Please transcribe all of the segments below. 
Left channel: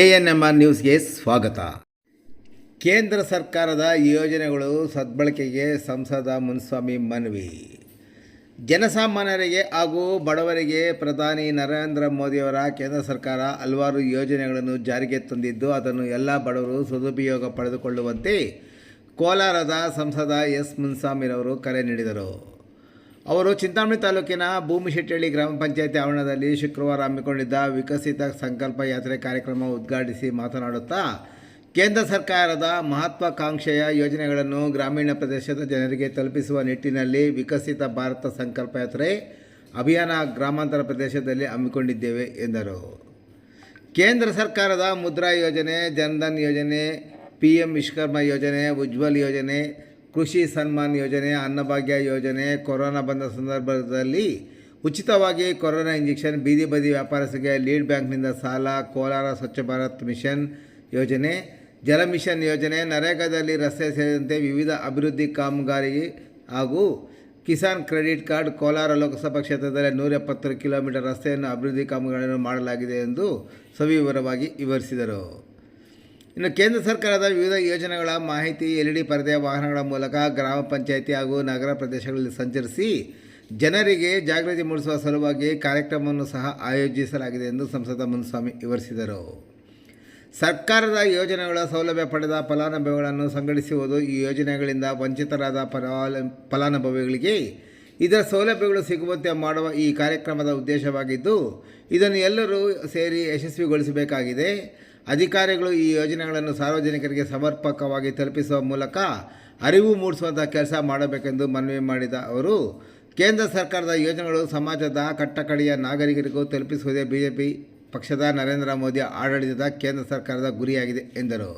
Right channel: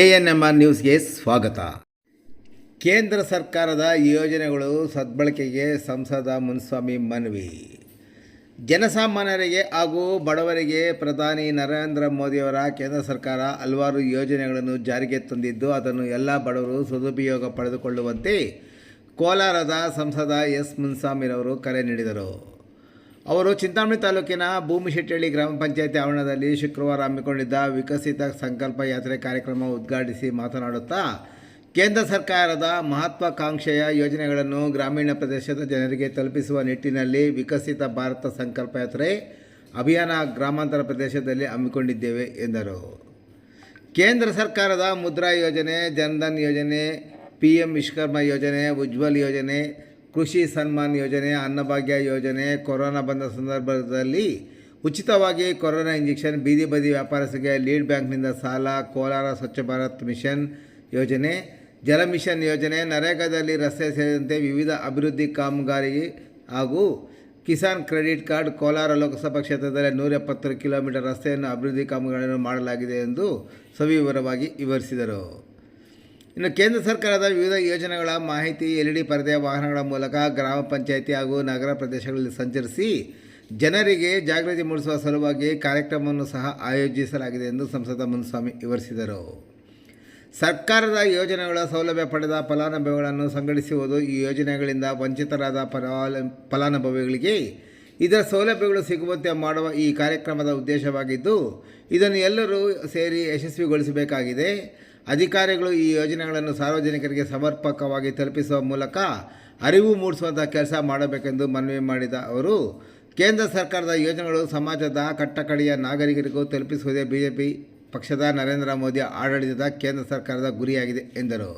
A N M R ನ್ಯೂಸ್ಗೆ ಸ್ವಾಗತ. ಕೇಂದ್ರ ಸರ್ಕಾರದ ಯೋಜನೆಗಳು ಸದ್ಬಳಕೆಗೆ ಸಂಸದ ಮುನ್ಸ್ವಾಮಿ ಮನವಿ. ಜನಸಾಮಾನ್ಯರಿಗೆ ಹಾಗೂ ಬಡವರಿಗೆ ಪ್ರಧಾನಿ ನರೇಂದ್ರ ಮೋದಿಯವರ ಕೇಂದ್ರ ಸರ್ಕಾರ ಹಲವಾರು ಯೋಜನೆಗಳನ್ನು ಜಾರಿಗೆ ತಂದಿದ್ದು, ಅದನ್ನು ಎಲ್ಲ ಬಡವರು ಸದುಪಯೋಗ ಪಡೆದುಕೊಳ್ಳುವಂತೆ ಕೋಲಾರದ ಸಂಸದ ಎಸ್ ಮುನ್ಸ್ವಾಮಿರವರು ಕರೆ ನೀಡಿದರು. ಅವರು ಚಿಂತಾಮಣಿ ತಾಲೂಕಿನ ಭೂಮಿಶೆಟ್ಟಳ್ಳಿ ಗ್ರಾಮ ಪಂಚಾಯತಿ ಆವರಣದಲ್ಲಿ ಶುಕ್ರವಾರ ಹಮ್ಮಿಕೊಂಡಿದ್ದ ವಿಕಸಿತ ಸಂಕಲ್ಪ ಯಾತ್ರೆ ಕಾರ್ಯಕ್ರಮ ಉದ್ಘಾಟಿಸಿ ಮಾತನಾಡುತ್ತಾ, ಕೇಂದ್ರ ಸರ್ಕಾರದ ಮಹತ್ವಾಕಾಂಕ್ಷೆಯ ಯೋಜನೆಗಳನ್ನು ಗ್ರಾಮೀಣ ಪ್ರದೇಶದ ಜನರಿಗೆ ತಲುಪಿಸುವ ನಿಟ್ಟಿನಲ್ಲಿ ವಿಕಸಿತ ಭಾರತ ಸಂಕಲ್ಪ ಯಾತ್ರೆ ಅಭಿಯಾನ ಗ್ರಾಮಾಂತರ ಪ್ರದೇಶದಲ್ಲಿ ಹಮ್ಮಿಕೊಂಡಿದ್ದೇವೆ, ಎಂದರು. ಕೇಂದ್ರ ಸರ್ಕಾರದ ಮುದ್ರಾ ಯೋಜನೆ, ಜನ್ಧನ್ ಯೋಜನೆ ಪಿ ಎಂ ವಿಶ್ವಕರ್ಮ ಯೋಜನೆ, ಉಜ್ವಲ್ ಯೋಜನೆ ಕೃಷಿ ಸನ್ಮಾನ್ ಯೋಜನೆ, ಅನ್ನಭಾಗ್ಯ ಯೋಜನೆ, ಕೊರೋನಾ ಬಂದ ಸಂದರ್ಭದಲ್ಲಿ ಉಚಿತವಾಗಿ ಕೊರೋನಾ ಇಂಜೆಕ್ಷನ್, ಬೀದಿ ಬದಿ ವ್ಯಾಪಾರಸ್ಥರಿಗೆ ಲೀಡ್ ಬ್ಯಾಂಕ್ನಿಂದ ಸಾಲ, ಕೋಲಾರ ಸ್ವಚ್ಛ ಭಾರತ್ ಮಿಷನ್ ಯೋಜನೆ, ಜಲ ಮಿಷನ್ ಯೋಜನೆ, ನರೇಗಾದಲ್ಲಿ ರಸ್ತೆ ಸೇರಿದಂತೆ ವಿವಿಧ ಅಭಿವೃದ್ಧಿ ಕಾಮಗಾರಿ ಹಾಗೂ ಕಿಸಾನ್ ಕ್ರೆಡಿಟ್ ಕಾರ್ಡ್ ಕೋಲಾರ ಲೋಕಸಭಾ ಕ್ಷೇತ್ರದಲ್ಲಿ ನೂರ ಎಪ್ಪತ್ತು ಕಿಲೋಮೀಟರ್ ರಸ್ತೆಯನ್ನು ಅಭಿವೃದ್ಧಿ ಕಾಮಗಾರಿಯನ್ನು ಮಾಡಲಾಗಿದೆ ಎಂದು ಸವಿವರವಾಗಿ ವಿವರಿಸಿದರು. ಇನ್ನು ಕೇಂದ್ರ ಸರ್ಕಾರದ ವಿವಿಧ ಯೋಜನೆಗಳ ಮಾಹಿತಿ, ಎಲ್ ಇ ಡಿ ವಾಹನಗಳ ಮೂಲಕ ಗ್ರಾಮ ಪಂಚಾಯಿತಿ ಹಾಗೂ ನಗರ ಪ್ರದೇಶಗಳಲ್ಲಿ ಸಂಚರಿಸಿ ಜನರಿಗೆ ಜಾಗೃತಿ ಮೂಡಿಸುವ ಸಲುವಾಗಿ ಕಾರ್ಯಕ್ರಮವನ್ನು ಸಹ ಆಯೋಜಿಸಲಾಗಿದೆ ಎಂದು ಸಂಸದ ಮುನ್ಸ್ವಾಮಿ ವಿವರಿಸಿದರು. ಸರ್ಕಾರದ ಯೋಜನೆಗಳ ಸೌಲಭ್ಯ ಪಡೆದ ಫಲಾನುಭವಿಗಳನ್ನು ಸಂಘಟಿಸುವುದು ಈ ಯೋಜನೆಗಳಿಂದ ವಂಚಿತರಾದ ಫಲಾಲ, ಫಲಾನುಭವಿಗಳಿಗೆ ಇದರ ಸೌಲಭ್ಯಗಳು ಸಿಗುವಂತೆ ಮಾಡುವ ಈ ಕಾರ್ಯಕ್ರಮದ ಉದ್ದೇಶವಾಗಿದ್ದು, ಇದನ್ನು ಎಲ್ಲರೂ ಸೇರಿ ಯಶಸ್ವಿಗೊಳಿಸಬೇಕಾಗಿದೆ. ಅಧಿಕಾರಿಗಳು ಈ ಯೋಜನೆಗಳನ್ನು ಸಾರ್ವಜನಿಕರಿಗೆ ಸಮರ್ಪಕವಾಗಿ ತಲುಪಿಸುವ ಮೂಲಕ ಅರಿವು ಮೂಡಿಸುವಂಥ ಕೆಲಸ ಮಾಡಬೇಕೆಂದು ಮನವಿ ಮಾಡಿದ ಅವರು, ಕೇಂದ್ರ ಸರ್ಕಾರದ ಯೋಜನೆಗಳು ಸಮಾಜದ ಕಟ್ಟಕಡೆಯ ನಾಗರಿಕರಿಗೂ ತಲುಪಿಸುವುದೇ ಬಿಜೆಪಿ ಪಕ್ಷದ ನರೇಂದ್ರ ಮೋದಿ ಆಡಳಿತದ ಕೇಂದ್ರ ಸರ್ಕಾರದ ಗುರಿಯಾಗಿದೆ ಎಂದರು.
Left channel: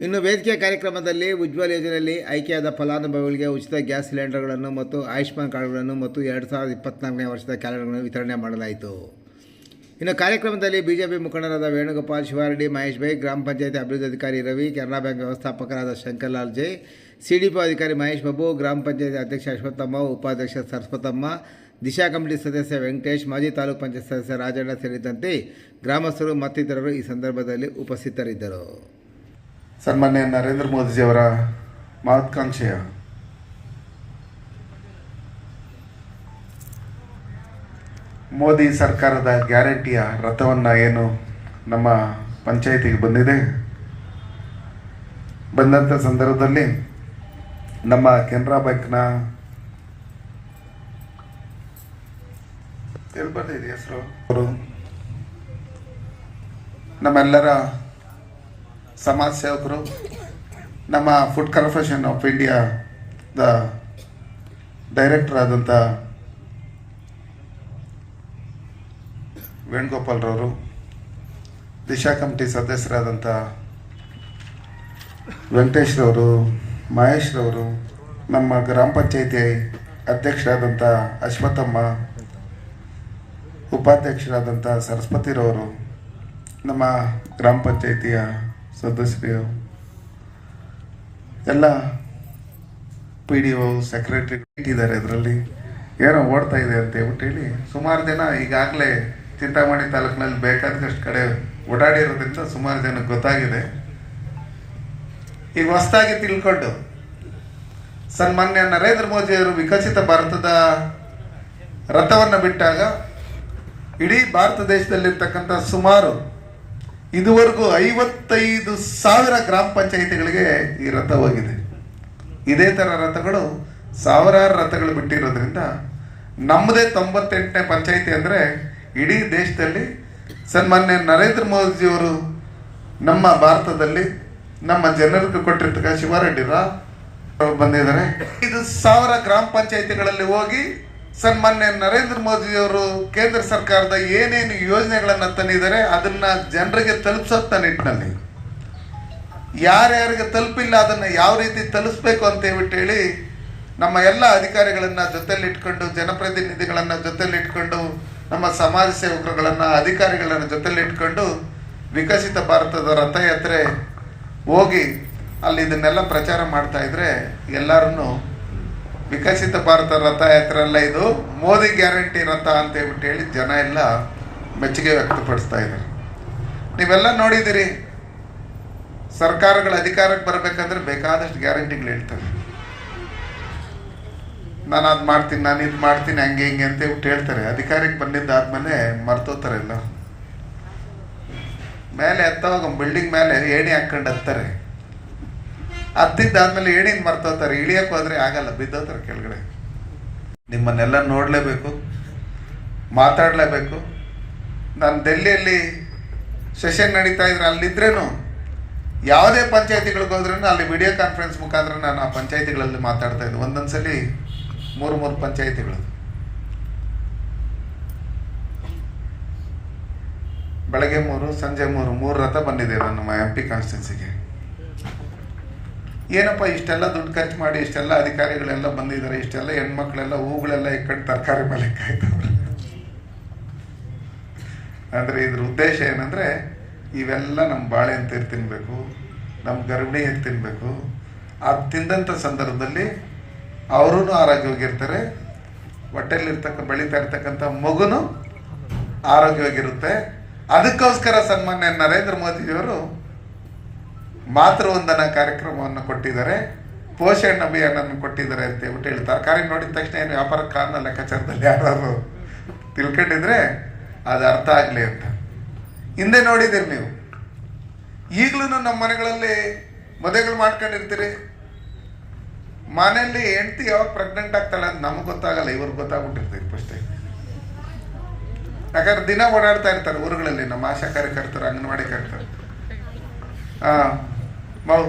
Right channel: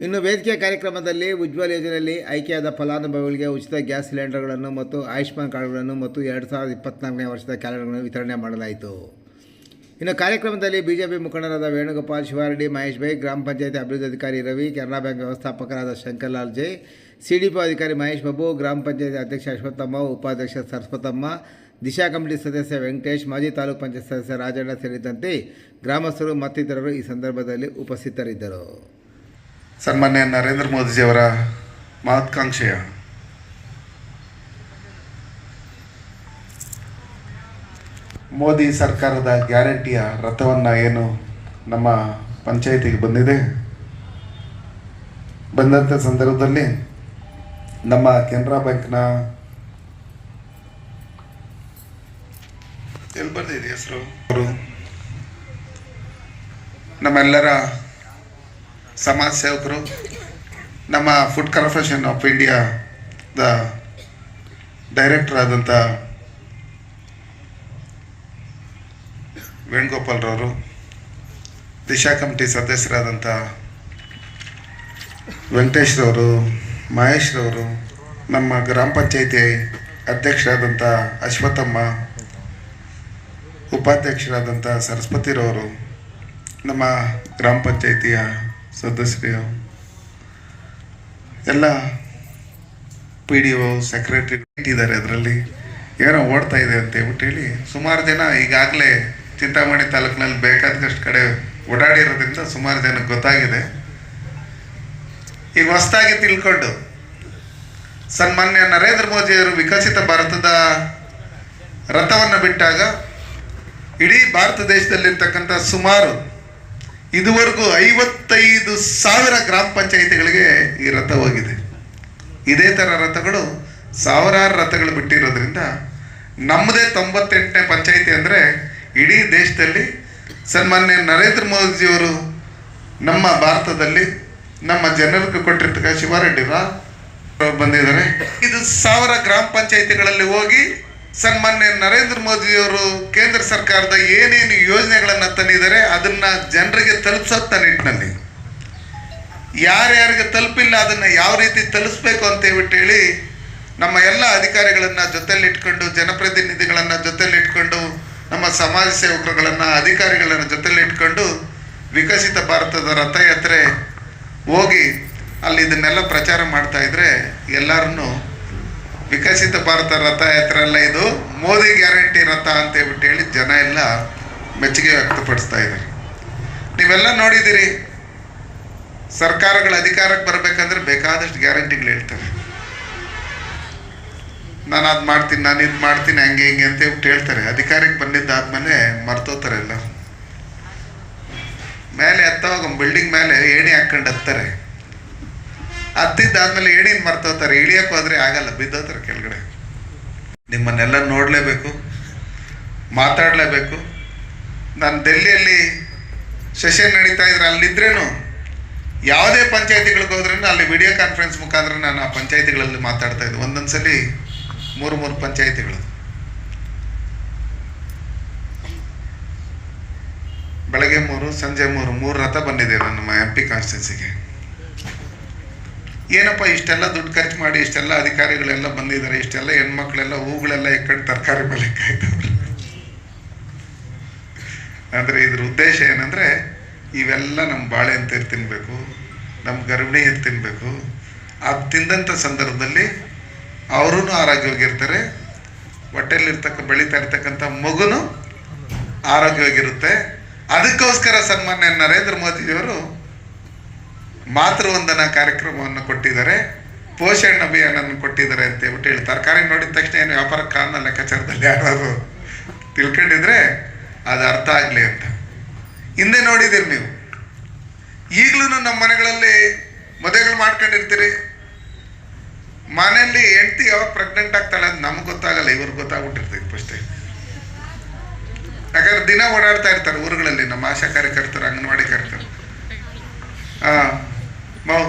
ಇನ್ನು ವೇದಿಕೆ ಕಾರ್ಯಕ್ರಮದಲ್ಲಿ ಉಜ್ವಲ ಯೋಜನೆಯಲ್ಲಿ ಆಯ್ಕೆಯಾದ ಫಲಾನುಭವಿಗಳಿಗೆ ಉಚಿತ ಗ್ಯಾಸ್ ಸಿಲಿಂಡರ್ಗಳನ್ನು ಮತ್ತು ಆಯುಷ್ಮಾನ್ ಕಾರ್ಡ್ಗಳನ್ನು ಮತ್ತು ಎರಡು ಸಾವಿರದ ಇಪ್ಪತ್ನಾಲ್ಕನೇ ವರ್ಷದ ಕ್ಯಾಲೆಂಡರ್ಗಳನ್ನು ವಿತರಣೆ ಮಾಡಲಾಯಿತು. ಇನ್ನು ಕಾರ್ಯಕ್ರಮದಲ್ಲಿ ಬಿಜೆಪಿ ಮುಖಂಡರಾದ ವೇಣುಗೋಪಾಲ್, ಶಿವಾರೆಡ್ಡಿ, ಮಹೇಶ್ ಭೈ ಗ್ರಾಮ ಪಂಚಾಯತಿ ಅಭಿವೃದ್ಧಿ ಅಧಿಕಾರಿ ರವಿ, ಕೆನರಾ ಬ್ಯಾಂಕ್ ವ್ಯವಸ್ಥಾಪಕರಾದ ಶಂಕರ್ಲಾಲ್ ಜೈ, ಸಿಡಿಪಿ ಅಧಿಕಾರಿ ಮಹೇಶ್ ಬಾಬು, ಗ್ರಾಮ ಪಂಚಾಯತಿ ಅಧ್ಯಕ್ಷ ಅಶ್ವತ್ಥಮ್ಮ, ಉಪಾಧ್ಯಕ್ಷ ಸರಸ್ವತಮ್ಮ, ದಿಶಾ ಕಮಿಟಿ ಸದಸ್ಯ ವೆಂಕಟೇಶ್, ಮಾಜಿ ತಾಲೂಕು ಪಂಚಾಯತ್ ಸದಸ್ಯ ರಾಜಣ್ಣ ಸೇರಿದಂತೆ ಗ್ರಾಮಸ್ಥರು ಮತ್ತಿತರರು ಈ ಸಂದರ್ಭದಲ್ಲಿ ಉಪಸ್ಥಿತರಿದ್ದರು. ಸನ್ಮಾನ್ಯ ನರೇಂದ್ರ ಮೋದಿಜಿಯವರ ಮಹತ್ಕಾಂಕ್ಷೆಯ ಮೋದಿ ಸರ್ಕಾರದ ಗ್ಯಾರಂಟಿಯ ರಥವನ್ನು ಏನು ನಮ್ಮ ಪಂಚಾಯಿತಿಗೆ ಬಂದಿದೆ? ಬಂದಂಥ ಸಂದರ್ಭದಲ್ಲಿ ನಮ್ಮ ಕೆನರಾ ಬ್ಯಾಂಕ್ನ ಎಲ್ಲಿ ಬಂದಿದೆ ಹೆಸರು? ನಮ್ಮೆಲ್ಲರ ಸಮಾಜ ಸೇವಕರು, ನಮ್ಮ ಫುಡ್ ಕಾರ್ಪೊರೇಷನ್ ಆಫ್ ಇಂಡಿಯಾದ ಡೈರೆಕ್ಟರ್ ಆದಂಥ ವೇಣುಗೋಪಾಲ್ರವರು ದಿಶಾ ಕಮಿಟಿ ಸದಸ್ಯರಾದಂಥ ವೆಂಕಟೇಶ್ರವರು, ಮಹೇಶ್ರವರು, ನಮ್ಮ ಗ್ರಾಮ ಪಂಚಾಯಿತಿ ಅಧ್ಯಕ್ಷರಾದಂಥ ಅಶ್ವಥಮ್ಮ ಉಪಾಧ್ಯಕ್ಷರಾದಂಥ ಸರಸ್ವತಿರವರು, ನಮ್ಮ ಗ್ರಾಮ ಪಂಚಾಯಿತಿಯ ಸದಸ್ಯರು, ಎಲ್ಲ ಪಿ ಡಿ ಒ ಸೆಕ್ರೆಟರಿ ಇದ್ದಾರೆ ಅದರಲ್ಲಿ ಏನೋ ಓಡ್ತಾ ಇದೆ ಅಂತ ಹೇಳ್ಬಿಟ್ಟು ಹೇಳಿ ಸುಮಾರು ಜನ ಈಗಾಗಲೇ ಚಿಂತಾಮಣಿ ತಾಲೂಕಿನಲ್ಲಿ ಬೇಕಾದಷ್ಟು ಕಡೆ ಓಡಾಡಿರೋದ್ರಿಂದ ಸುಮಾರು ಜನಕ್ಕೆ ಗೊತ್ತಾಗಿದೆ. ಈಗ ಹೊಸದಾಗಿ ತಿಳ್ಕೊಂಡು, ಸನ್ಮಾನ್ಯ ನರೇಂದ್ರ ಮೋದಿಯವರು ವಿಕಸಿತ ಭಾರತದ ರಥವನ್ನು ಬಿಟ್ಟಾಗ ಇಡೀ ಭಾರತ ದೇಶದಲ್ಲಿರ್ತಕ್ಕಂಥ ಸುಮಾರು ಇದುವರೆಗೂ ಐವತ್ತೈದು ಸಾವಿರ ಗ್ರಾಮ ಪಂಚಾಯಿತಿಗಳಿಗೆ ಈ ರಥ ಹೋಗಿದೆ. ಇದೇ ಥರ ರಥಗಳು ಸಾವಿರಾರು ರಥಗಳು ಬಿಟ್ಟಿರೋದ್ರಿಂದ ನಮ್ಮದೇ ತೊಂಬತ್ತೆಂಟನೇ ಪಂಚಾಯಿತಿ ಅಂದರೆ ಇಡೀ ದೇಶದಲ್ಲಿ ಸನ್ಮಾನ್ಯ ನರೇಂದ್ರ ಮೋದಿಜಿಯವರು ನಮ್ಮ ಭಾರತದಲ್ಲಿ ನಮ್ಮ ಜನರಿಗೆ ಕೊಟ್ಟಿರ್ತಕ್ಕ ಶಿವಾರೆಡ್ಡಿರ ಬಂದಿದ್ದಾರೆ. ಇದು ಸಾವಿರ ಗ್ರಾಮ ಪಂಚಾಯಿತಿಗಳಲ್ಲಿ ಹೋಗಿ ಸನ್ಮಾನ್ಯ ನರೇಂದ್ರ ಮೋದಿಯವರು ಕೇಂದ್ರ ಸರ್ಕಾರದ ಏನೇನು ಯೋಜನೆಗಳನ್ನು ತಂದಿದ್ದಾರೆ, ಅದನ್ನ ಜನರಿಗೆ ತಲುಪಿಸೋತ್ತ ನಿಟ್ಟಿನಲ್ಲಿ. ಯಾರ್ಯಾರಿಗೆ ತಲುಪಿಲ್ಲ, ಅದನ್ನು ಯಾವ ರೀತಿ ತಲುಪಿಸ್ಬೇಕು ಅಂತ ಹೇಳಿ ನಮ್ಮ ಎಲ್ಲ ಅಧಿಕಾರಿಗಳನ್ನು ಜೊತೆಲಿಟ್ಕೊಂಡು ಜನಪ್ರತಿನಿಧಿಗಳನ್ನು ಜೊತೆಲಿಟ್ಕೊಂಡು ನಮ್ಮ ಸಮಾಜ ಸೇವಕರುಗಳನ್ನು ಅಧಿಕಾರಿಗಳನ್ನು ಜೊತೆಲಿಟ್ಕೊಂಡು ವಿಕಸಿತ ಭಾರತದ ರಥಯಾತ್ರೆ ಹೋಗಿ ಅಲ್ಲಿ ಇದನ್ನೆಲ್ಲ ಪ್ರಚಾರ ಮಾಡ್ತಾ ಇದ್ರೆ ಎಲ್ಲರನ್ನು ವಿಕಸಿತ ಭಾರತ ರಥಯಾತ್ರೆ ಅಲ್ಲ ಇದು, ಮೋದಿ ಗ್ಯಾರಂಟಿ ರಥ ಅಂತ ಹೇಳ್ಬಿಟ್ಟು ಹೇಳಿ ಜನ ಎಲ್ಲ ಮೆಚ್ಚುಗೆ ವ್ಯಕ್ತಪಡಿಸ್ತಾ ಇದ್ದಾರೆ. ನೀವೆಲ್ಲ ನೋಡಿದ್ದೀರಿ, ಸರ್ಕಾರಗಳ ಅಧಿಕಾರಕ್ಕೆ ಬರಬೇಕಂದ್ರೆ ಬೇಕಾದಷ್ಟು ಗ್ಯಾರಂಟಿಗಳು ಹೇಳ್ತಾರೆ. ನಾನು ಅದು ಮಾಡ್ತೀನಿ ನಾನು ಇದು ಮಾಡ್ತೀನಿ, ಹಂಗೆ ಹಿಂಗೆ ಅಂತ ಹೇಳ್ಬಿಟ್ಟು ಹೇಳ್ತಾರೆ. ಅಧಿಕಾರಕ್ಕೆ ಬಂದಿದ್ದಾದ್ಮೇಲೆ ಮರ್ತೋತಾರೆ ಎಲ್ಲ ಮೇಲೆ ಹತ್ತವಾಗ ಬಿಲ್ಡಿಂಗ್ ಮೇಲೆ ಏಣಿ ಹಾಕ್ಕೊಂಡು ಹತ್ತಾರೆ. ಹತ್ತಿದ್ದಾದ್ಮೇಲೆ ಏಣಿನ ಮರ್ತೋತಾರೆ ಇಳಿಯಕ್ಕೆ ಹೋದ್ರೆ ಆಗಲ್ಲ ಬಿದ್ದೋತಾರೆ ಕೆಳಗಡೆ. ನಿಮ್ಮನ್ನೆಲ್ಲ ನೋಡಲೇಬೇಕು, ಮಾತಾಡಲೇಬೇಕು. ನಾನು ಡೆಲ್ಲಿಯಲ್ಲಿ ಸೆಷನ್ ನಡೀತಾ ಇದ್ರೆ ಅಲ್ಲಿದ್ರೇನು? ಯಾವುದೇ ಪಂಚಾಯತಿಗಳಿಗೆ ಹೋದ್ರೂ ಅಲ್ಲಿ ವಿಡಿಯೋ ಕಾನ್ಫರೆನ್ಸ್ ಮುಖಾಂತರ ನಾನು ಆ ಪಂಚಾಯತಿಗಳಲ್ಲಿ ಮಾತಾಡ್ತಾ ಇದ್ದೆ. ಒಂದೊಂದು ಸಲ ಮೂರು ಮೂರು ಪಂಚಾಯಿತಿಗಳು. ಬೆಳಗ್ಗೆ ಮೂರು, ಸಂಜೆ ಮೂರು ಮೂರು ರಥ ಬಂದಿದೆ ನಮ್ಮ ಎಂ ಪಿ ಕಾನ್ಸ್ಟಿಟ್ಯೂನ್ಸಿಗೆ ಏನಪ್ಪ ಇಷ್ಟೆಲ್ಲ ದುಡ್ಡು ಖರ್ಚು ಮಾಡಿ ಇಷ್ಟೆಲ್ಲ ಅಧಿಕಾರಿಗಳೆಲ್ಲ ಬಂದಿದ್ದಾರೆ, ಇಷ್ಟೆಲ್ಲ ಹೆಣ್ಮಕ್ಳೆಲ್ಲ ಹೂಗಳೆಲ್ಲ ಇಕ್ಕಟ್ಟು ತರಕಾರಿ ಮೇಲೆ ಕಾಯ್ತವ್ರೆ ಅಂದರೆ ಇದ್ರ ಉದ್ದೇಶ ಏನಂದರೆ ಇವೆಲ್ಲ ನಮ್ಮ ಬಾಳೆಹಣ್ಣು ಅಂತ ತಿನ್ನಬೇಕು ನಮ್ಮ ಗರ್ಭಿಣಿ ಅಂತ ತಿನ್ನಬೇಕು ಅದು ತಿಂದಂಥ ಸಂದರ್ಭದಲ್ಲಿ ಅವರೂ ಆರೋಗ್ಯವಾಗಿರ್ತಾರೆ. ಹೊಟ್ಟೆಲಿರ್ತಕ್ಕ ಬೆಳೀತಾ ಇರ್ತಕ್ಕಂಥ ಮಗುನು ಆರೋಗ್ಯವಾಗಿರುತ್ತೆ. ಅದಕ್ಕೋಸ್ಕರ ಸನ್ಮಾನ್ಯ ನರೇಂದ್ರ ಮೋದಿಯವರು ಮಾತೃವಂದನಾ ಕಾರ್ಯಕ್ರಮವನ್ನು ಕೊಟ್ಟಿದ್ದಾರೆ. ಪೋಷಣ ಅಭಿಯಾನ ಕೊಟ್ಟಿದ್ದಾರೆ ಅಂತ ಹೇಳ್ಬಿಟ್ಟು ಹೇಳಿ ತರಕಾರಿ ನೋಡಿದ ತಕ್ಷಣ ಏನು ವ್ಯಾಪಾರ ಕಾರಣ ಲೆಕ್ಕಾಚಾರದಲ್ಲಿ ಯಾರು ತಿಳ್ಕೊಂಡಿದ್ರೆ ಅದು ಅರ್ಥ ಆಗಲಿ ಅಂತ. ಹಿಂದೆ ನೋಡಿದಿರಿ ನೀವು. ಈಗಲೂ ನಮ್ಮ ಮನೆಗಳಲ್ಲಿ ಮದುವೆಗಳು ಮಾಡ್ಕೊಂಡಿರ್ತೀರಿ. ಮನೆಯಲ್ಲಿ ಹೆಂಡತಿ ಯಾವಾಗ ಪ್ರೆಗ್ನೆಂಟ್ ಆಗ್ತಾಳೆ ಅಂತ ನಮ್ಗೆ ಗೊತ್ತಾಗಲ್ಲ, ಇವ್ರಿಗೆ ಗೊತ್ತಾಗ್ಬಿಟ್ಟಿರ್ತೈತೆ ಫಸ್ಟೇ ಯಾಕಂದ್ರೆ ದಿನ ಓಡಾಡ್ತಾ ಇರ್ತಾರೆ ಊರುಗಳಲ್ಲಿ, ನಮ್ಮ ಆಶಾ ಕಾರ್ಯಕರ್ತರು, ಅಂಗನವಾಡಿ ಕರ್ತರು ಹಾಂ ಮಾವು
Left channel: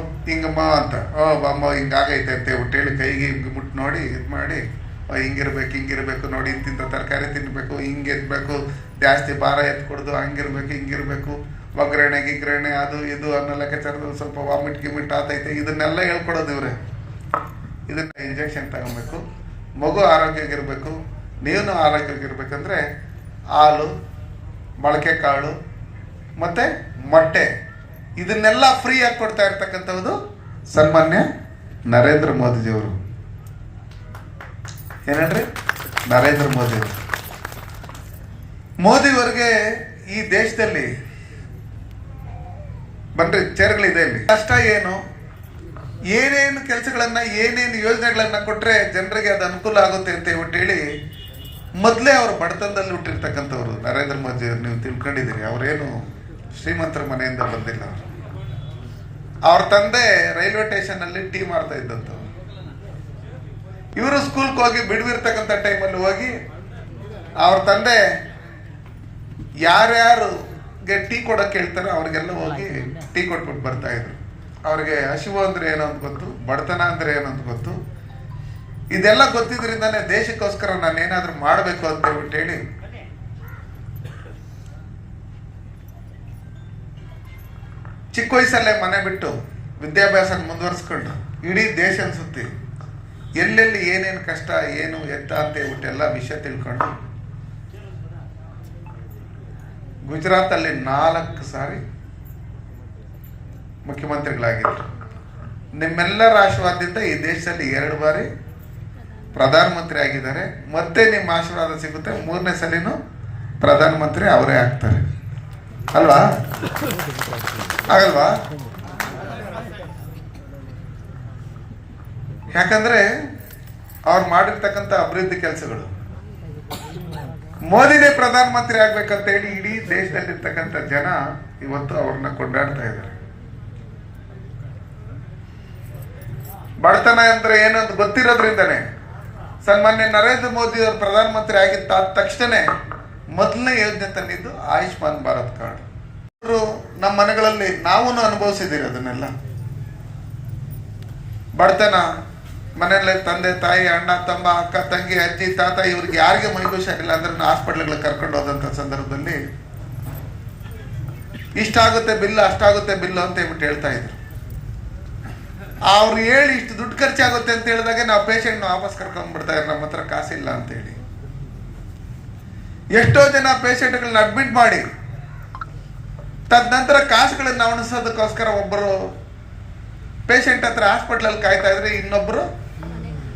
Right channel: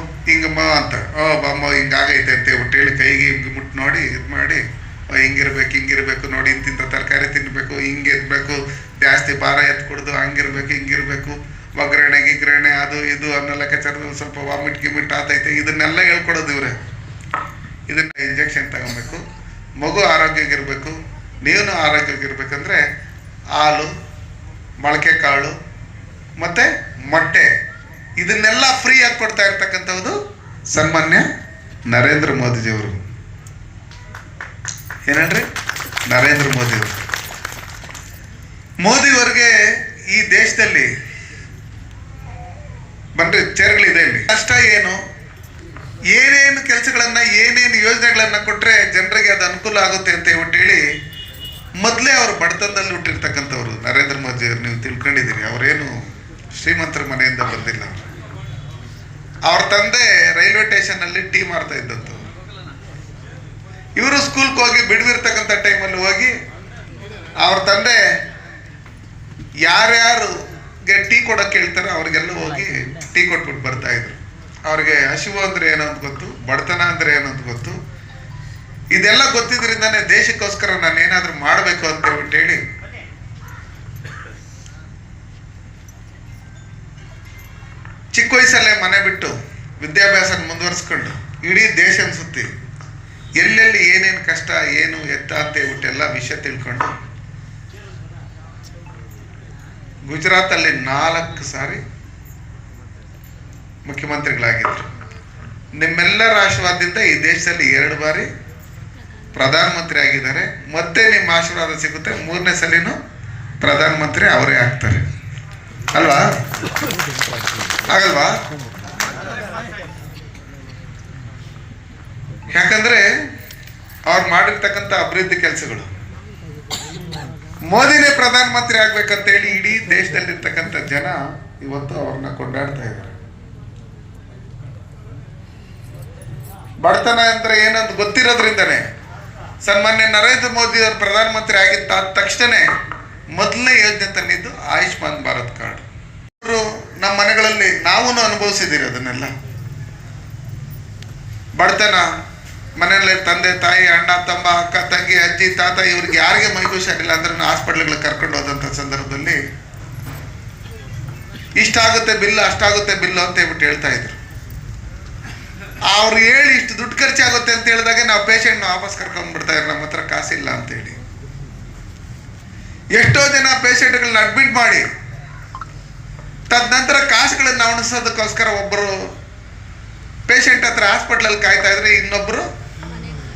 ಮಾವ ಅಂತ. ಓ, ಬಾಮ್ಮ ಹಿಂಗಾಗೈತೆ ಅಂತ ಒಟ್ಟು ಹೇಳಿ ಕೈಗೆ ಹಿಂಗೆ ಮುಟ್ಟು ನೋಡಿ, ಇದು ಮಾಡಿ ಹಿಂಗಿರ್ಬೇಕು ಹಿಂಗಿರ್ಬೇಕು ನೋಡಿ ಇಂತಿಂಥ ತರಕಾರಿ ತಿನ್ನಬೇಕು ಹಿಂಗೆ ಇರಬೇಕು ಜಾಸ್ತಿ ಭಾರ ಎತ್ಕೊಡ್ದು, ಹಂಗಿರ್ಬೇಕು, ಹಿಂಗಿರ್ಬೇಕು, ಒಗ್ಗರಣೆ ಗಿಗ್ರಣೆ ಅದು ಇದು ಅನ್ನೋ ಲೆಕ್ಕಾಚಾರದಲ್ಲಿ ಸ್ವಲ್ಪ ವಾಮಿಟ್, ಗಿಮಿಟ್ ಆತೈತೆ ಇದನ್ನೆಲ್ಲ ಹೇಳ್ಕೊಡೋದು ಇವ್ರೆ. ಇದನ್ನ ಇಂಜೆಕ್ಷನ್ ತಗೊಬೇಕು. ಮಗು ಆರೋಗ್ಯವಾಗಿರಬೇಕು. ನೀವು ಆರೋಗ್ಯವಾಗಿರ್ಬೇಕಂದ್ರೆ ಹಾಲು, ಮೊಳಕೆ ಕಾಳು, ಮತ್ತು ಮೊಟ್ಟೆ. ಇದನ್ನೆಲ್ಲ ಫ್ರೀ ಆಗಿ ಕೊಡ್ತಾ ಇರ್ತಕ್ಕಂಥದ್ದು ಸನ್ಮಾನ್ಯ ನರೇಂದ್ರ ಮೋದಿಜಿಯವರು. ಏನಂದ್ರೆ ನರೇಂದ್ರ ಮೋದಿಯವರು. ಮೋದಿಯವರಿಗೆ ಈ ದೇಶದಲ್ಲಿ ಬನ್ರಿ ಚೇರ್ಗಳಿದೆ ಇಲ್ಲಿ. ಕಷ್ಟ ಏನು? ಏನೇನು ಕೆಲಸಗಳನ್ನ, ಏನೇನು ಯೋಜನೆಗಳನ್ನ ಕೊಟ್ರೆ ಜನರಿಗೆ ಅದು ಅನುಕೂಲ ಆಗುತ್ತೆ ಅಂತ ಹೇಳ್ಬಿಟ್ಟು ಹೇಳಿ, ಮೊದಲೇ ಅವರು ಬಡತನದಲ್ಲಿ ಹುಟ್ಟಿರ್ತಕ್ಕಂಥವ್ರು ನರೇಂದ್ರ ಮೋದಿ ಅವರು ನೀವು ತಿಳ್ಕೊಂಡಿದ್ದೀರಿ. ಅವರೇನು ಶ್ರೀಮಂತರ ಮನೆಯಿಂದ ಬಂದಿಲ್ಲ. ಅವರು ಅವ್ರ ತಂದೆ ರೈಲ್ವೆ ಸ್ಟೇಷನ್ ಅಲ್ಲಿ ಟೀ ಮಾಡ್ತಾ ಇದ್ದಂಥವ್ರು ಇವರು ಸ್ಕೂಲ್ಗೆ ಹೋಗಿ ಬಿಡುವಿರ್ತಕ್ಕಂಥ ಟೈಮಲ್ಲಿ ಹೋಗಿ ಅವ್ರ ತಂದೆ ಯಾರ್ಯಾರು ಟೀ ಕೊಡೋಕೆ ಹೇಳ್ತಾರೆ ಅವ್ರಿಗೆಲ್ಲ ಹೋಗಿ ಟೀ ಕೊಟ್ಬಿಟ್ಟು ಬರ್ತಾ ಇದ್ರು. ಅವ್ರಿಗೆ ಹಸಿವು ಅಂದ್ರೆ ಏನು ಅಂತ ಗೊತ್ತು, ಬಡತನ ಅಂದ್ರೆ ಏನು ಅಂತ ಗೊತ್ತು. ಇದೆಲ್ಲ ಗೊತ್ತಿದ್ರಿಂದಾನೆ ದೇಶಕ್ಕೋಸ್ಕರ ನಾನು ಏನಾದ್ರೂ ಮಾಡಬೇಕು ಅಂತ ಹೇಳ್ಬಿಟ್ಟು ಹೇಳಿ. ಚಿಕ್ಕ ವಯಸ್ಸಲ್ಲೇ ಮನೆ ಬಿಟ್ಟು ವಿದ್ಯಾಭ್ಯಾಸ ಮುಂದುವರಿಸ್ಕೊಂಡು ಇಡೀ ದೇಶ ಸುತ್ತಿ ಎಲ್ಲೆಲ್ಲಿ ಏನೇನು ಕಷ್ಟ, ಏನು ಎತ್ತ ಅಂತ ಹೇಳ್ಬಿಟ್ಟು ಎಲ್ಲ ವಿಷಯ ತಿಳ್ಕೊಂಡು. ಗುಜರಾತಲ್ಲಿ ನಾಲ್ಕು ಸಾರಿ ಮುಖ್ಯಮಂತ್ರಿಗಳಾಗಿದ್ದರು ನಿಮ್ಮೆಲ್ಲರ ಆಶೀರ್ವಾದದಿಂದ ಈ ದೇಶದಲ್ಲಿ ಎರಡು ಬಾರಿ ಪ್ರಧಾನಮಂತ್ರಿ ಆಗಿದ್ದಾರೆ. ಮತ್ತೆ ನಿಮ್ಮ ಆಶೀರ್ವಾದ ಸಿಗುತ್ತೆ. ಮೂರನೇ ಸಲಿನೂ ಪ್ರಧಾನಮಂತ್ರಿ ಅವರೇ ಆಗ್ತಾರೆ. ಅಲ್ವಾ? ಆಗಲ್ವಾ ಯಾಕಂದ್ರೆ ಅವ್ರು ಮಾಡಿರ್ತಕ್ಕಂಥ ಅಭಿವೃದ್ಧಿ ಕೆಲಸಗಳು. ಮೋದಿನೇ ಪ್ರಧಾನಮಂತ್ರಿ ಆಗ್ಬೇಕಂತ ಹೇಳಿ ಇಡೀ ದೇಶದಲ್ಲಿರ್ತಕ್ಕಂಥ ಜನ ಇವತ್ತು ಅವ್ರನ್ನ ಕೊಂಡಾಡ್ತಾ ಇದ್ದಾರೆ. ಬಡತನ ಅಂದ್ರೆ ಏನಂತ ಗೊತ್ತಿರೋದ್ರಿಂದನೇ. ಸನ್ಮಾನ್ಯ ನರೇಂದ್ರ ಮೋದಿ ಅವರು ಪ್ರಧಾನಮಂತ್ರಿ ಆಗಿದ್ದ ಆದ ತಕ್ಷಣ ಮೊದಲನೇ ಯೋಜನೆ ತಂದಿದ್ದು ಆಯುಷ್ಮಾನ್ ಭಾರತ್ ಕಾರ್ಡ್. ಅವರು ನಮ್ಮ ಮನೆಗಳಲ್ಲಿ ನಾವೂ ಅನುಭವಿಸಿದ್ದೀರಿ ಅದನ್ನೆಲ್ಲ. ಬಡತನ, ಮನೆಯಲ್ಲಿ ತಂದೆ, ತಾಯಿ, ಅಣ್ಣ, ತಮ್ಮ, ಅಕ್ಕ, ತಂಗಿ, ಅಜ್ಜಿ, ತಾತ ಇವ್ರಿಗೆ ಯಾರಿಗೆ ಮೈ ಇಲ್ಲ ಅಂದ್ರೆ ಹಾಸ್ಪಿಟ್ಲ್ಗಳಿಗೆ ಕರ್ಕೊಂಡು ಹೋದಂಥ ಸಂದರ್ಭದಲ್ಲಿ ಇಷ್ಟಾಗುತ್ತೆ ಬಿಲ್ ಅಷ್ಟಾಗುತ್ತೆ ಬಿಲ್ ಅಂತ ಹೇಳ್ಬಿಟ್ಟು ಹೇಳ್ತಾ ಇದ್ರು. ಅವ್ರು ಹೇಳಿ ಇಷ್ಟು ದುಡ್ಡು ಖರ್ಚಾಗುತ್ತೆ ಅಂತ ಹೇಳಿದಾಗ ನಾವು ಪೇಷಂಟ್ನ ವಾಪಸ್ ಕರ್ಕೊಂಡ್ಬಿಡ್ತಾ ಇದ್ರು, ನಮ್ಮ ಹತ್ರ ಕಾಸಿಲ್ಲ ಅಂತೇಳಿ ಎಷ್ಟೋ ಜನ ಪೇಷಂಟ್ಗಳನ್ನ ಅಡ್ಮಿಟ್ ಮಾಡಿ, ತದನಂತರ ಕಾಸುಗಳನ್ನ ಉಣಿಸೋದಕ್ಕೋಸ್ಕರ ಒಬ್ಬರು ಪೇಷಂಟ್ ಹತ್ರ ಹಾಸ್ಪಿಟ್ಲಲ್ಲಿ ಕಾಯ್ತಾ ಇದ್ರೆ ಇನ್ನೊಬ್ಬರು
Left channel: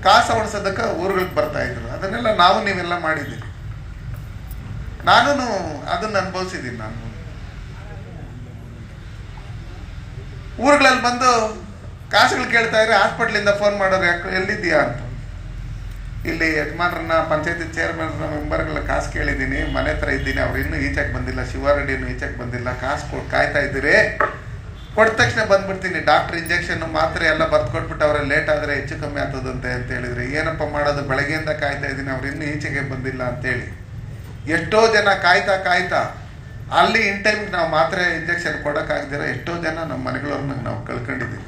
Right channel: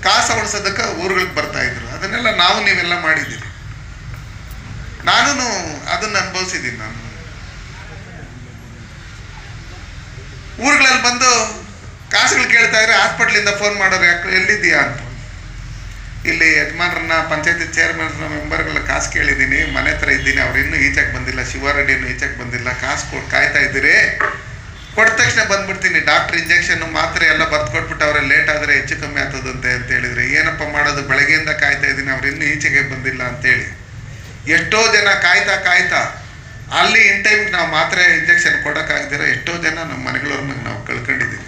ಕಾಸು ಉಣಿಸೋದಕ್ಕೆ ಊರುಗಳಿಗೆ ಬರ್ತಾ ಇದ್ರು. ಅದನ್ನೆಲ್ಲ ನಾವು ನೀವೆಲ್ಲ ಮಾಡಿದ್ದೀರಿ. ನಾನು ಅದನ್ನ ಅನುಭವಿಸಿದ್ದೀನಿ ನಾನು. ಊರುಗಳಲ್ಲಿ ಬಂದು ಕಾಸುಗಳು ಕೇಳ್ತಾ ಇದ್ರೆ ಹಾಸ್ಪಿಟ್ಲಿಂದ ಫೋನ್ ಮಾಡೋರು ಯಾಕೆ ಎಲ್ಲಿದ್ದೀಯಾ ಅಂತ. ಇಲ್ಲಿ ಯಜಮಾನ್ರನ್ನ, ಪಂಚಾಯತಿ ಚೇರ್ಮನ್ ಮೆಂಬರ್ಗಳ ಕಾಸು ಕೇಳಿದ್ದೀನಿ, ಮನೆ ಹತ್ರ ಇದ್ದೀನಿ, ಅವ್ರು ಇನ್ನೂ ಈಚೆಗೆ ಬಂದಿಲ್ಲ, ಶಿವಾರೆಡ್ಡಿ ಇನ್ನೂ ಈಚೆಗೆ ಬಂದಿಲ್ಲ, ಕಾಸು ಕೊಟ್ಟು ಕಾಯ್ತಾ ಇದ್ದೀರಿ. ಕೊಟ್ಟ ತಕ್ಷಣ ಬಂದ್ಬಿಡ್ತೀನಿ ಡಾಕ್ಟರ್ ಇಂಜೆಕ್ಷನ್ ಮಾತ್ರೆ ಎಲ್ಲ ಬರ್ದು ಕೊಟ್ಬಿಟ್ಟು ಅವ್ರೆ ಲೇಟ್ ಆದರೆ ಹೆಚ್ಚು ಕಮ್ಮಿ ಆಗ್ತದಂತೆ ಅಂತ ಹೇಳಿದ್ರೆ. ಏನಪ್ಪ ಮಾಡೋದು, ಬೆಳಗ್ಗೆಯಿಂದ ಕಾಯ್ತಾ ಇದ್ದೀನಿ, ಅವ್ರು ಇನ್ನೂ ಈಚೆಗೆ ಬಂದಿಲ್ಲ ಅಂತೇಳಿ. ಎಷ್ಟೋ ಜನ ಕಾಯ್ತಾ ಕಾಯ್ತಾ, ಅಲ್ಲಿ ಇನ್ ಟೈಮ್ಗೆ ನಾವು ಮಾತ್ರೆ ಇಂಜೆಕ್ಷನ್ ಕೊಡೋಕ್ಕಾಗ್ದಿರ ಎಷ್ಟೋ ಜನ ನಮ್ಮ ಮನೆಗಳವ್ರನ್ನ ನಾವು ಕಳ್ಕೊಂಡಿದ್ದೀವಿ.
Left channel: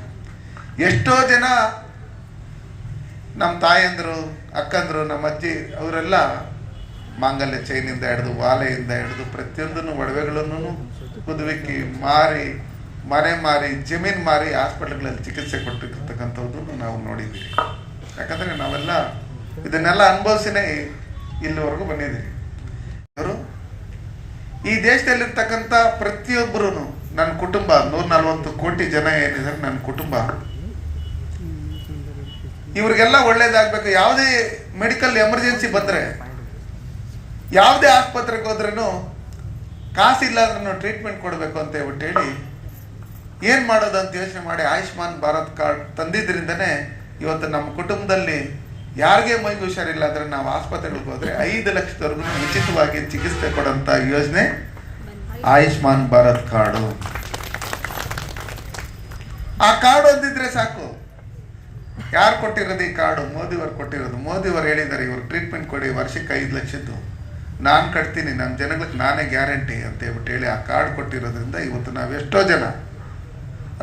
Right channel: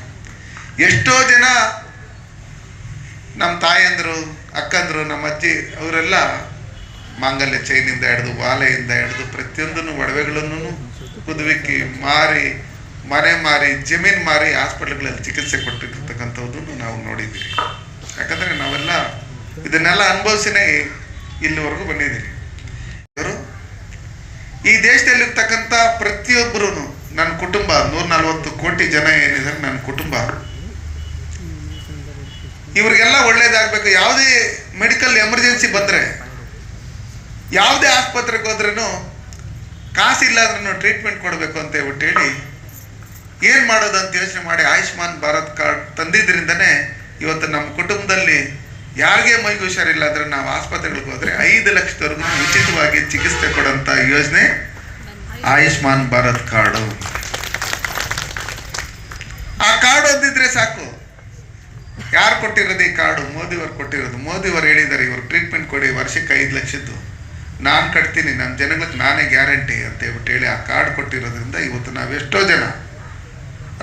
ಎಷ್ಟೋ ಜನ ನಮ್ಮ ತಾಯಂದರು, ಅಕ್ಕಂದರು, ನಮ್ಮ ಅಜ್ಜಿ, ಅವರೆಲ್ಲ ಮಾಂಗಲ್ಯ ಚೈನಿಂದ ಹಿಡಿದು, ವಾಲೆಯಿಂದ ಹಿಡಿದು ಪ್ರತಿಯೊಂದನ್ನು ಒಡವೆಗಳನ್ನು ಕುದುವಿಕ್ಕಿ ಮಾರಿ, ಮನೆ ಮಾರಿ, ಜಮೀನು ಮಾರಿ ಹಾಸ್ಪಿಟ್ಲ್ಗಳಲ್ಲಿ ಚಿಕಿತ್ಸೆ ಕೊಟ್ಟಿರ್ತಕ್ಕಂಥದ್ದನ್ನು ನಾವು ನೋಡಿದ್ದೀವಿ. ಯಾಕಂದರೆ ನಾವೆಲ್ಲ ಇದನ್ನೆಲ್ಲ ಅನುಭವಿಸಿನೇ ಇಲ್ಲಿವರೆಗೂ ಬಂದಿದ್ದೀವಿ. ಇವರು ಈ ದೇಶದಲ್ಲಿರ್ತಕ್ಕಂಥ ಪ್ರತಿಯೊಬ್ಬರೂ ನನ್ನ ಕುಟುಂಬ ನೂರ ನಲ್ವತ್ತು ಕೋಟಿ ಜನ ಏನಿದ್ದಾರೆ ನನ್ನ ಕುಟುಂಬ. ಇವ್ರಿಗೆಲ್ಲ ಒಳ್ಳೇದಾಗಬೇಕು. ಯಾವುದೇ ಮೆಡಿಕಲ್ ಎಮರ್ಜೆನ್ಸಿ ಬಂದರೆ, ಯಾವುದೇ ಆಸ್ಪತ್ರೆಗೆ ಹೋದ್ರೂ ಕಾಸಿಲ್ಲ ಟ್ರೀಟ್ಮೆಂಟ್ ಕೊಡಬೇಕು ಅಂತ ಹೇಳ್ಬಿಟ್ಟು ಹೇಳಿ, ಏನು ಮಾಡೋದು ಅಂತ ಯೋಚನೆ ಮಾಡಿ ಆಯುಷ್ಮಾನ್ ಭಾರತ್ ಕಾರ್ಡ್ ತಂದಿದ್ದರಿಂದನೇ ಇವತ್ತು ನಮ್ಮ ಕುಟುಂಬದಲ್ಲಿ ಯಾರಿಗೆ ಮೈಗೆ ಹುಷಾರಿಲ್ಲ ನಾವು ಆಸ್ಪತ್ರೆಗಳಿಗೆ ಹೋದರೆ ಐದು ಲಕ್ಷದವರೆಗೂ ಉಚಿತವಾಗಿ ಚಿಕಿತ್ಸೆ ಕೊಡೋಂಥ ಯೋಜನೆ ಆಯುಷ್ಮಾನ್ ಭಾರತ್ ಕಾರ್ಡು. ಆ ಕಾರ್ಡ್ ಹೊಂದಿದ್ರೆ ಸಾಕು. ಯಾರು ಕೊಟ್ಟಿರೋದು ಈ ಕಾರ್ಡು? ಮೋದಿಯವರು ಕೊಟ್ಟಿರೋದು. ಮೋದಿಯವರು ಹೇಳಿದ್ದಾರೆ, ಇವರು ಟ್ರೀಟ್ಮೆಂಟ್ ಕೊಡಿ, ವರ್ಷಕ್ಕೆ ಐದು ಲಕ್ಷದ್ದು. ನಾನು ಕಟ್ತೀನಿ ನಮ್ಮ ಜನಗಳಿಗೆ ನಾನೇ ಗ್ಯಾರಂಟಿ ಅಂತ ಹೇಳ್ಬಿಟ್ಟು ಹೇಳಿ ಆ ಕಾರ್ಡ್ ಕೊಟ್ಟಿರೋದ್ರಿಂದ ಇವತ್ತು ನಾವು ಎಷ್ಟೋ ಜನ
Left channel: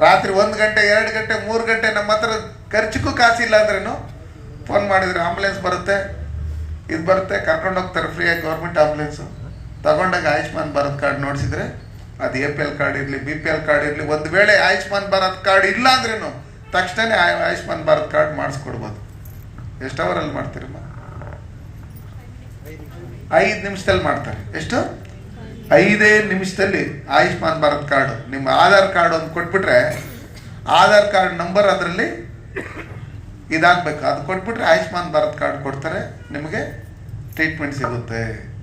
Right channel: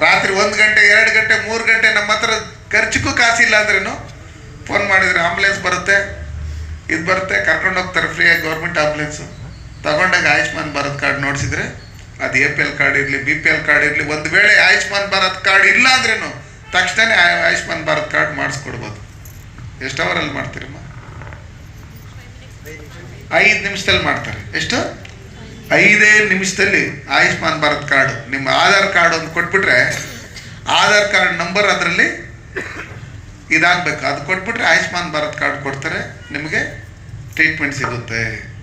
ರಾತ್ರಿ ಒಂದು ಗಂಟೆ, ಎರಡು ಗಂಟೆ, ಮೂರು ಗಂಟೆ ನಮ್ಮ ಹತ್ರ ಖರ್ಚಿಗೂ ಕಾಸಿಲ್ಲ ಅಂದ್ರೇನು? ಫೋನ್ ಮಾಡಿದ್ರೆ ಆಂಬುಲೆನ್ಸ್ ಬರುತ್ತೆ, ಇದು ಬರುತ್ತೆ, ಕರ್ಕೊಂಡು ಹೋಗ್ತಾರೆ ಫ್ರೀಯಾಗಿ ಗೌರ್ಮೆಂಟ್ ಆಂಬುಲೆನ್ಸು ತಗೊಂಡಾಗ ಆಯುಷ್ಮಾನ್ ಭಾರತ್ ಕಾರ್ಡ್ ನೋಡಿಸಿದ್ರೆ, ಅದು ಎ ಪಿ ಎಲ್ ಕಾರ್ಡ್ ಇರಲಿ ಬಿ ಪಿ ಎಲ್ ಕಾರ್ಡ್ ಇರಲಿ, ಒಂದು ವೇಳೆ ಆಯುಷ್ಮಾನ್ ಭಾರತ್ ಕಾರ್ಡ್ ಇಲ್ಲ ಅಂದ್ರೇನು? ತಕ್ಷಣನೇ ಆಯು- ಆಯುಷ್ಮಾನ್ ಭಾರತ್ ಕಾರ್ಡ್ ಮಾಡಿಸ್ಕೊಡ್ಬೋದು. ಎಷ್ಟು ಅವರಲ್ಲಿ ಮಾಡ್ತೀರಮ್ಮ? ಐದು ನಿಮಿಷದಲ್ಲಿ ಮಾಡ್ತಾರೆ. ಎಷ್ಟು? ಐದೇ ನಿಮಿಷದಲ್ಲಿ ಆಯುಷ್ಮಾನ್ ಭಾರತ್ ಕಾರ್ಡ್. ನಿಮ್ಮ ಆಧಾರ್ ಕಾರ್ಡ್ ಒಂದು ಕೊಟ್ಬಿಟ್ರೆ, ಆಧಾರ್ ಕಾರ್ಡ್ ನಂಬರ್ ಅದರಲ್ಲಿ ಇದಾಗಬೇಕು. ಅದು ಕೊಟ್ಬಿಟ್ರೆ ಆಯುಷ್ಮಾನ್ ಭಾರತ್ ಕಾರ್ಡ್ ಕೊಡ್ತಾರೆ. ನಿಮಗೆ ಟ್ರೀಟ್ಮೆಂಟ್ ಸಿಗುತ್ತೆ.